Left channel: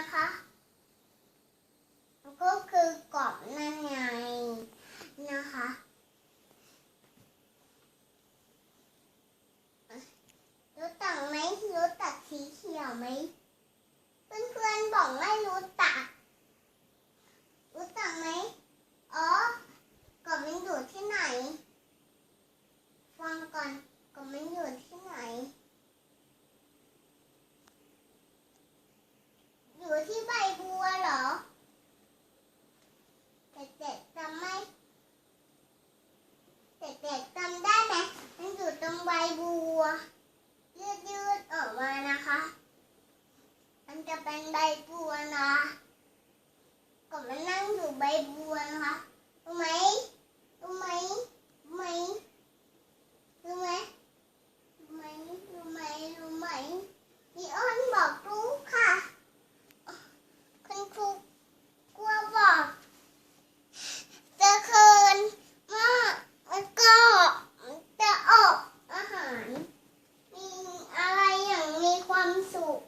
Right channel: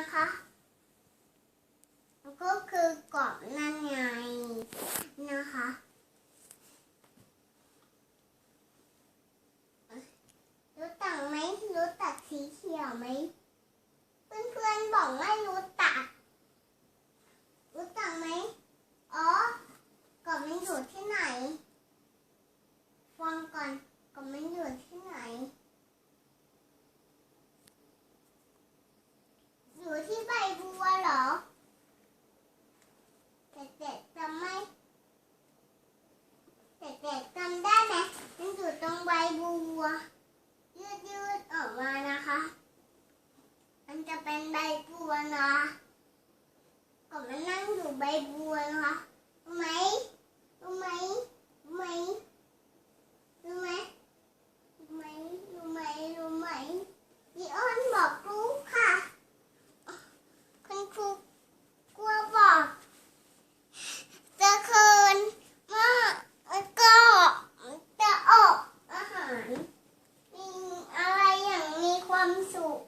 ะคะ ก็คือกรอบนั่นไงนะคะรู้ตักไหมรู้ตักสีเขียวไหม เพื่อนๆบอกไม่รู้ เป็นใบบัวนะก็มันนั่งอยู่ใบบัวนะรู้ไหมรู้ไหมรู้ไหมรู้ไหมรู้ไหมรู้ไหมรู้ไหมพี่อ้นบอกรู้ค่ะคุณครูกลัวบอกจะคืนมาก็จะอบอาหารมีอะไรอย่างมีความสุข